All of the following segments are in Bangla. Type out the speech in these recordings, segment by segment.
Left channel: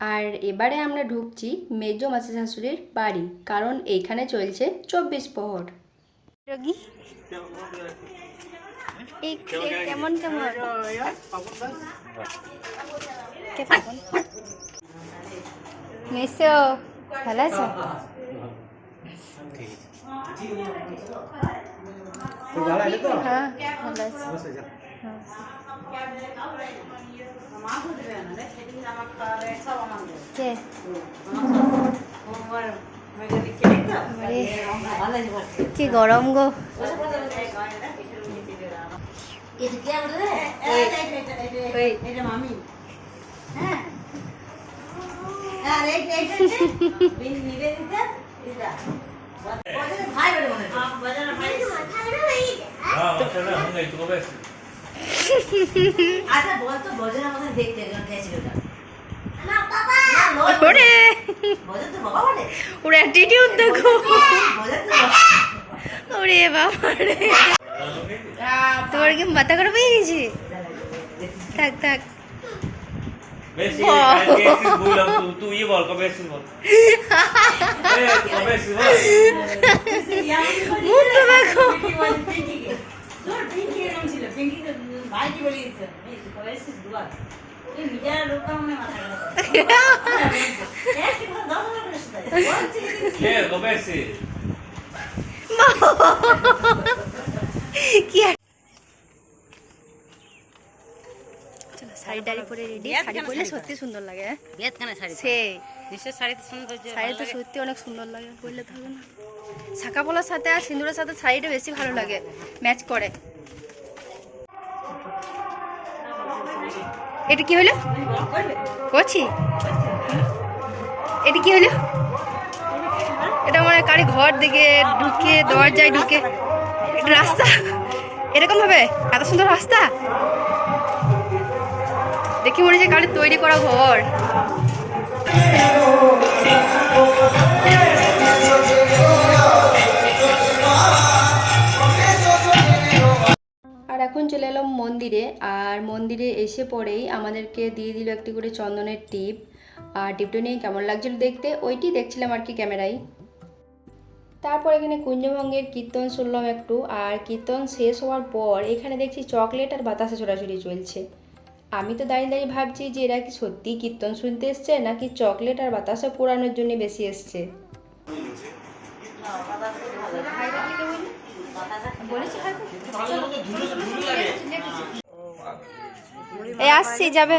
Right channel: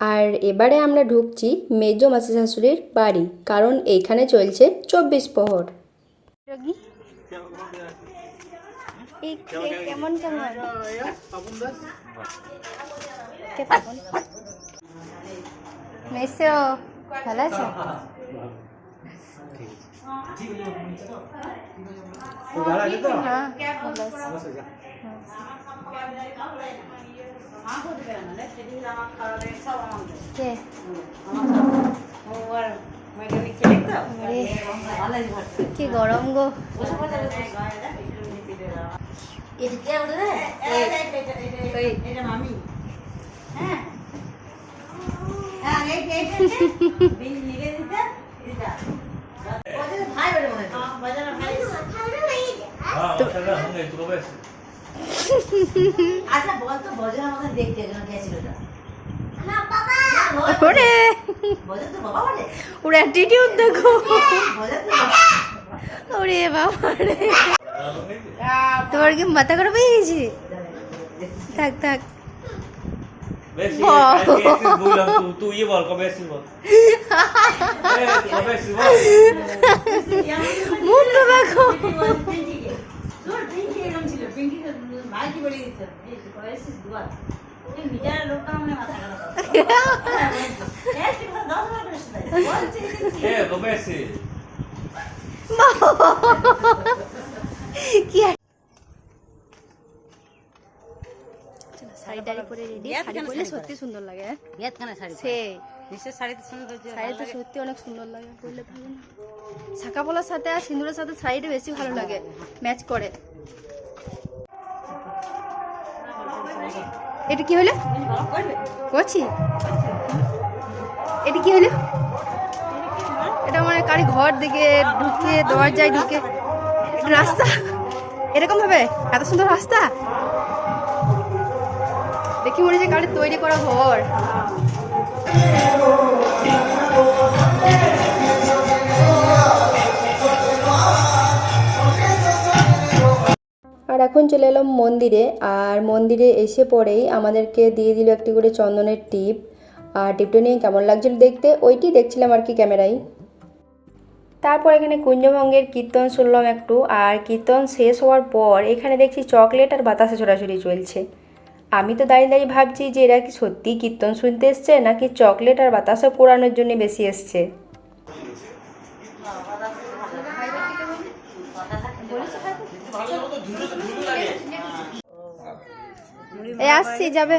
আর এবারে আমরা ঢুকছি মেজ মাসি শাশুড়ির বাড়ি কারণ এইখানে চলছে চব্বিশ প্রহর এই কেমন কেমন? মেসো ভালো আছো? হ্যাঁ ভালো আছি। কে বাবারে, কি গরম গো ওই আচ্ছা দেখতে গেছিল ওটা? ওরে বলে ওর। অ্যাটিটিউড দেখো বজন তো বাবা। ওরে বাবা রে। তোমার কি মাথা করে পেয়ে গেছি? থাক থাক। bol. মুখটা দেখো। বলে। তোর এসেছিস দুবার? কি শাড়ি টাড়ি পরে রেডি শাড়ি পরলে সত্যি সুন্দর লাগে হ্যাঁ? সে শাড়ি তো সত্যি অনেক সুন্দর লাগে পরলে তো হবে না শাখা পলার সাথে আর সিঁদুরের সাথে শাড়িটা বেশি ভালো লাগে ম্যাচ করে এটা কি হলো? করছি এটা কি হলো? এটা মানে কারি ঘর দিকে ঢুকে, দরজায় ঢুকে। রাস্তা? এরকম হবে এত সুন্দর রাস্তা? দেখি মনে হচ্ছে কারি তৈরি করা ঘর। আর এখন চলে এলাম মন্দিরে, আর মন্দিরে এসে পরেই আমাদেরকে দিয়ে দিল একটি করে চন্দনের টিপ। আর টিপটা নিয়ে কেমন লাগছিল দেখতে, ওইটি দেখছিলাম আর কি ক্যামেরায়। তারপর এখানে কুঞ্জভঙ্গের কীর্তন শুনলাম একটু, আর কীর্তন শেষ হওয়ার পর এখানে দেখছি চকলেট আর বাতাসে ছোড়াছুড়ি চলছে। আমি তো দাঁড়িয়ে দাঁড়িয়ে ভাবছি যে এরা কি সত্যি কীর্তন শুনতে এসছে, নাকি চকলেট আর বাতাসা পোড়ানোর জন্য বেশি এসছে? এই আসছি যাবে।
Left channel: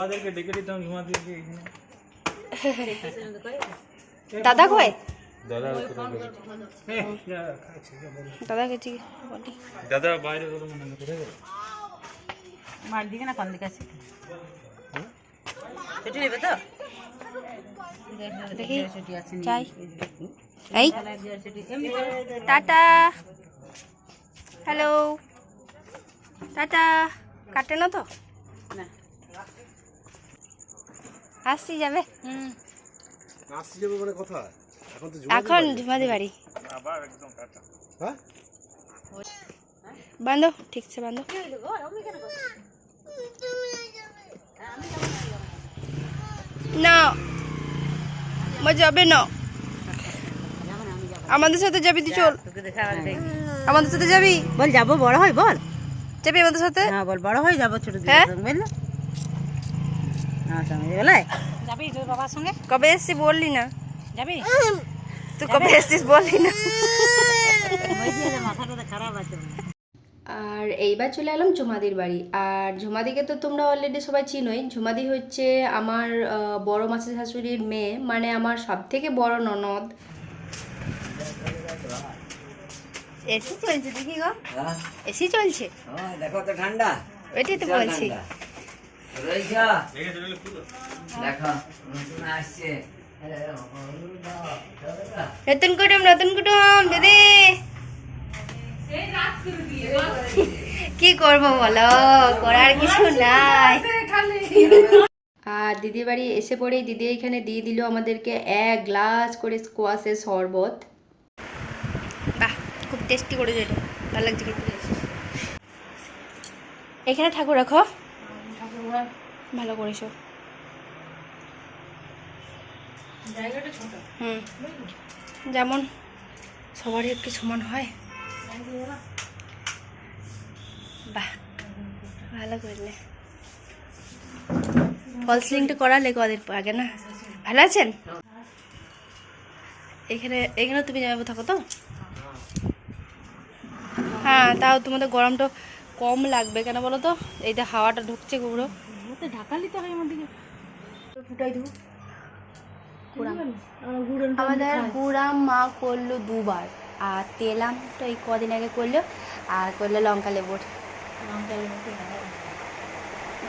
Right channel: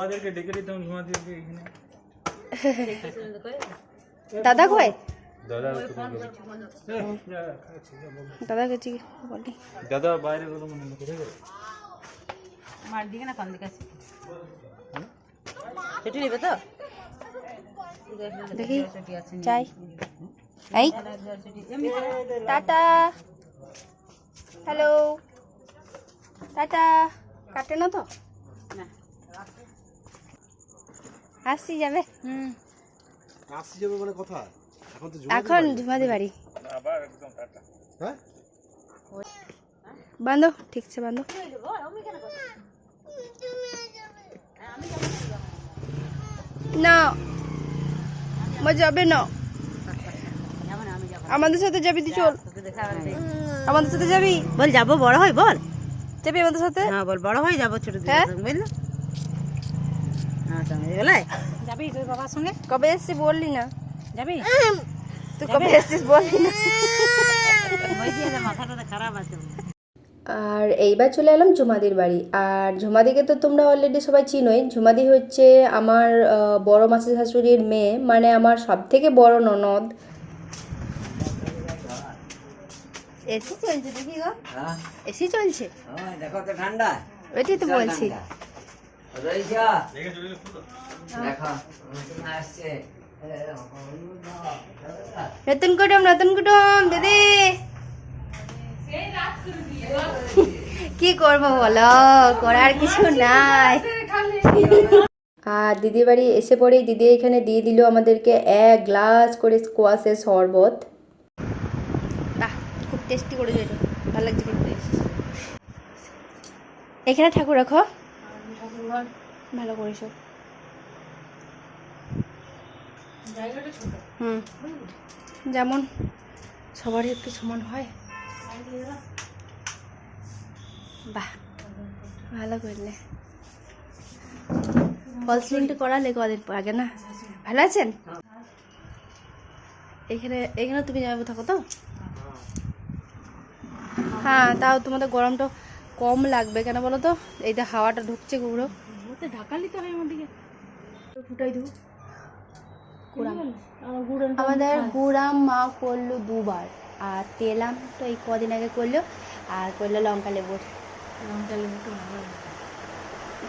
ওদেরকে ডেকে দিতাম তোমাদেরকে এখানে। দাদা কয় দাদা দাদা গেছি বলি। দাদা বাইরে বলো মনে মার দিকে না কোন দিকে আছে? সেটি নেবে তো? দেখি চাই এই টাটা। হ্যালো। টাটা। কাটে না তো? না। আসছি যাবে। হুম। আসছি যাবে মানে কোথায়? এখন তো এখন ঝুমাদি বাড়ি। হ্যাঁ? বান্ধো ঠিকছে বান্ধো। না আমার যাবে না। আমাদের সাথে যাবি তুই চল। আমাদের সাথে যাবি? বল যাব বড় হয় বল। যাবি আমাদের সাথে? হ্যাঁ বল বড় হয়ে যাব ছোট হ্যাঁ? দিকে বুঝলি? হ্যাঁ যাবি তোর বাবার সঙ্গে? কবে এসছিস বললি না। যাবি? তুই কবে এসছিস বললি না। মাথাটা খারাপ আছে আর এইবার চলে এলাম ঝুমাদির বাড়ি। আর ঝুমাদিকে তো তোমরা অলরেডি সবাই চিনোই। ঝুমাদি হচ্ছে আমার বড় মাসি শাশুড়ির মেয়ে। মানে আমার সব থেকে বড় ননদ। এসি চলছে দেখি গো। এসি চলছে। দেখো তো ঠান্ডা। ওইটাই তো বলছি। নতুন কুটুম নতুন কুটুম দিদি। কি করব বলো? করার কিছু নাই। আর দিদি বাড়ি এসে পরেই দিদি এখানে দিয়ে দিল আমাদেরকে এক গ্লাস করে স্কোয়াশের শরবত। টেস্টি করে এটা ভালো লাগছে খেতে। এখানে ঠাকুর রাখো। ভালো করেছ। হুম। যেমন সবারই একটু সমান হয়। বাহ ভালো করলে। ফলস লিঙ্কটা করালে কদিন আগে না? ভালো আছেন? এখানে এখানে তুমি যাবে থাকো তো? হ্যাঁ তাও তোমাদের গরমটা কম লাগবে। কেন বলো তো? এই যে হাওয়াটা ঢুকছে গুঁড়ো। ঢাকালি তো হয় আমাদের ফুটাই দেবো। আমাদের গুড়াম মা করল দুবার। আর তেলাম তো এই কদিন আগে করল। আর করল লঙ্কা লেবুর।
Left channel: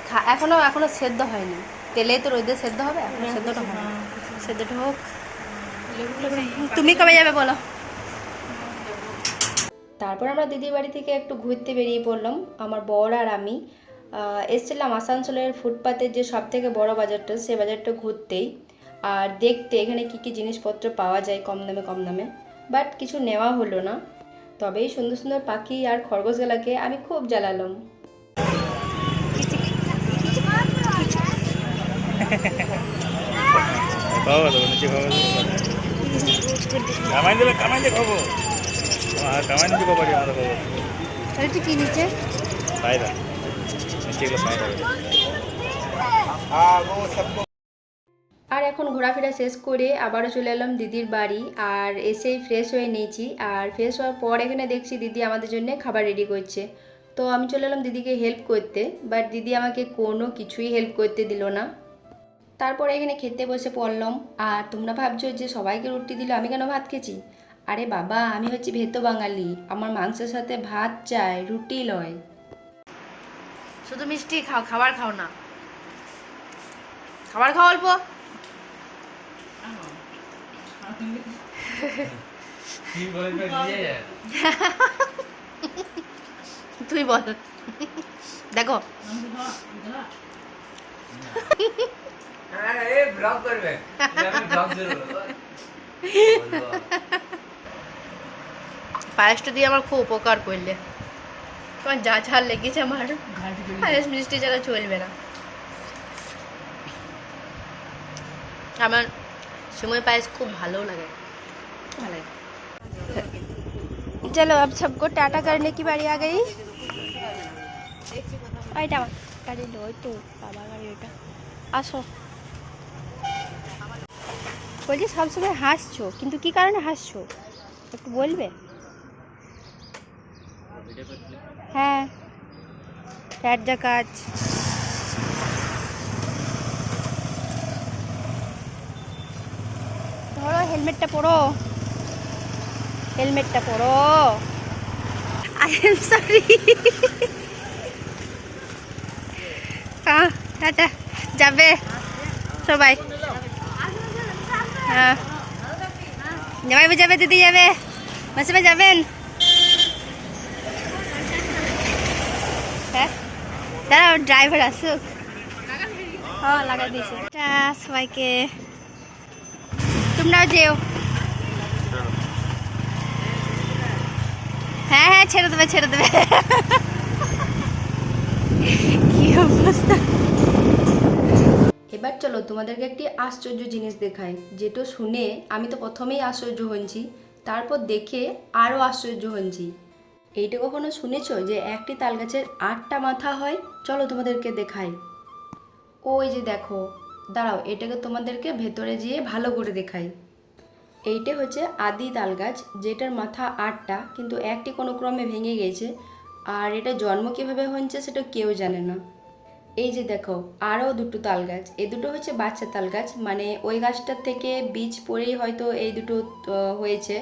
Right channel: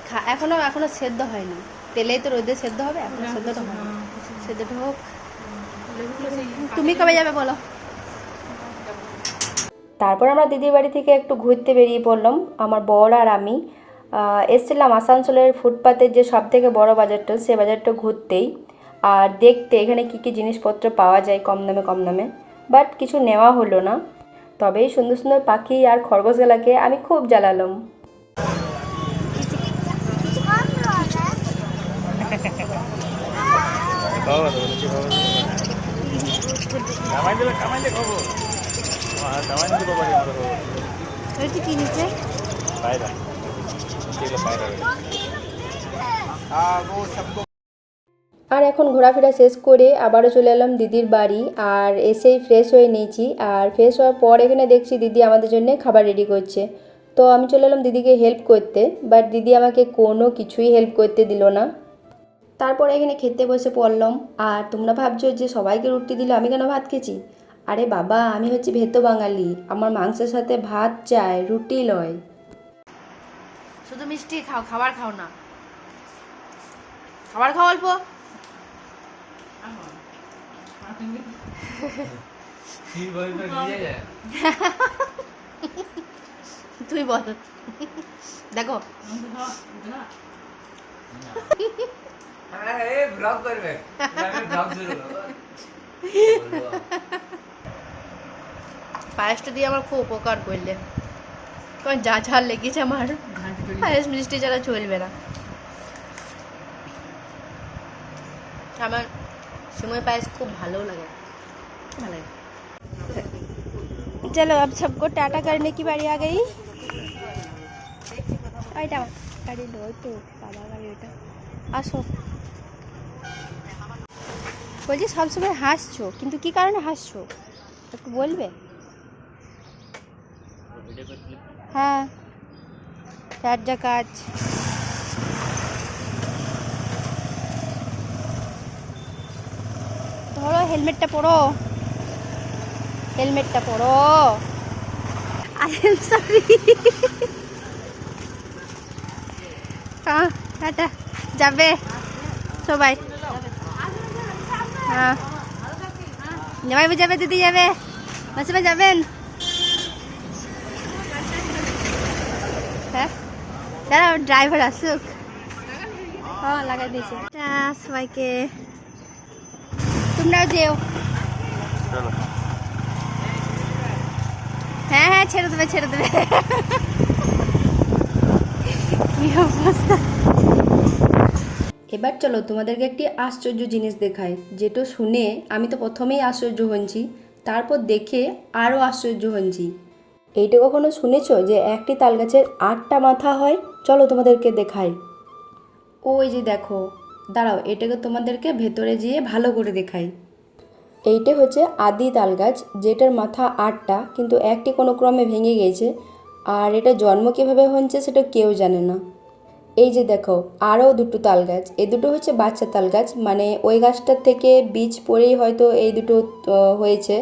খা- এখনও এখনও সেদ্ধ হয়নি। তেলেই তো রোদে সেদ্ধ হবে এখনও সেদ্ধটা হয়নি। সেদ্ধটা হোক। তুমি কবে যাবে বলো? তারপর আমরা দিদির বাড়ি থেকে একটু ঘুরতে বেরিয়ে পড়লাম। আমার বর আর আমি এসেছিলাম আসানসোলের ফুটপাতের যে সব থেকে বড় বাজারটা, সে বাজারটা ঘুরতেই। আর দেখতে এখানে কী কী জিনিসপত্র পাওয়া যায় কম দামে কম দামে। বাট কিছু নেওয়া হলো না। তবে এই সুন্দর সুন্দর পাখি আর খরগোশ খরগোশগুলাকে আমি খুব জ্বালালাম। আর এখন ঘোরাফেরা শেষ করে আবারও চলে এলাম দিদির বাড়ি, আর এসেই ফ্রেশ হয়ে নিয়েছি। আর ফ্রেশ হওয়ার পর এখানে দেখছি দিদি আমাদের জন্য খাবার রেডি করছে। তো আমি চলে এলাম দিদিকে হেল্প করতে বাট দিদি আমাকে কোনো কিছুই হেল্প করতে দিল না। তারপর এখানে খেতে বসে পড়লাম। আর তোমরা ভাবছ যে সবাইকে রুটি দিল, আমি কেন ভাত খেয়েছি? আরে বাবা আমি হচ্ছি ভেতো বাঙালি। আমার মাংসের সাথে ভাত চাই রুটি লয়। শুধু মিষ্টি খাও খাবার খাও না। খাবার খাও অল্প। তুই বল। দেখো। হ্যাঁ, এই ব্লগ করবে। ব্লগ শুরু করব। পায়েসটা দিয়ে আমার খুব উপকার করলে তোমার যা ঝাল লেগেছে আমার পায়েস মিষ্টি ছাড়া চলবে না আমার সময় পায়েস খুব ভালো লাগে ভালো লাগে चलो अब सबको टाटा करने की बारी आ गई ওইটা আমার গাড়ি লো তো বাবা গাড়ি ওইটা আসো বলছি সবসময় হাসছো কিন্তু কি কারণে হাসছো একটু বলবে হ্যাঁ চার যা কাজ। ধরো, হেলমেটটা পরো। হেলমেটটা পরো। আই এম সরি হ্যাঁ টাটা, যাবে সবাই। হ্যাঁ। জামাইবাবু যাবে দিদি যাবে। মাসিমা, যাবেন? দাঁড়াও ড্রাইভার আসুক সবাইকে। তোমরাও যেও। হ্যাঁ হ্যাঁ ছেড়ে দেবে ছেড়ে দেবে। কি অবস্থা? এবার চলো তোমাদেরকে একটি আশ্চর্য জিনিস দেখাই, যেটা শুনে আমি তো প্রথমেই আশ্চর্য হয়েছি, তারপর দেখে আরও আশ্চর্য হয়েছি। এইটা কখনো শুনেছো যে একটি তাল গাছের আটটা মাথা হয়? চলো তোমাদেরকে দেখাই। ওই যে দেখো দাঁড়াও এটাকে তোমাদেরকে ভেতরে যেয়ে ভালো করে দেখাই। এইটা হচ্ছে আদি তাল গাছ যেটার মাথা আটটা কিন্তু একটি কোনো ক্রমে ভেঙে গেছে। আর এটা জন্ম কীভাবে হচ্ছে সেটা কেউ জানে না। এই যে দেখো আরও দুটো তাল গাছ এই দুটো হচ্ছে বাচ্চা তাল গাছ মানে ওই গাছটার থেকে বীজ পড়েই হয়তো এই দুটো হয়েছে।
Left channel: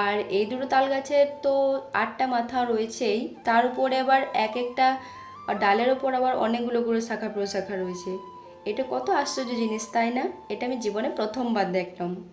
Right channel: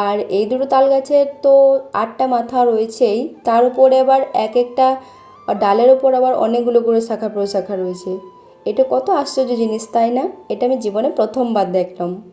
আর এই দুটো তাল গাছের তো আটটা মাথা রয়েছেই তার উপরে আবার এক একটা ডালের ওপর আবার অনেকগুলো করে শাখা প্রশাখা রয়েছে। এটা কত আশ্চর্য জিনিস, তাই না? এটা আমি জীবনে প্রথমবার দেখলাম।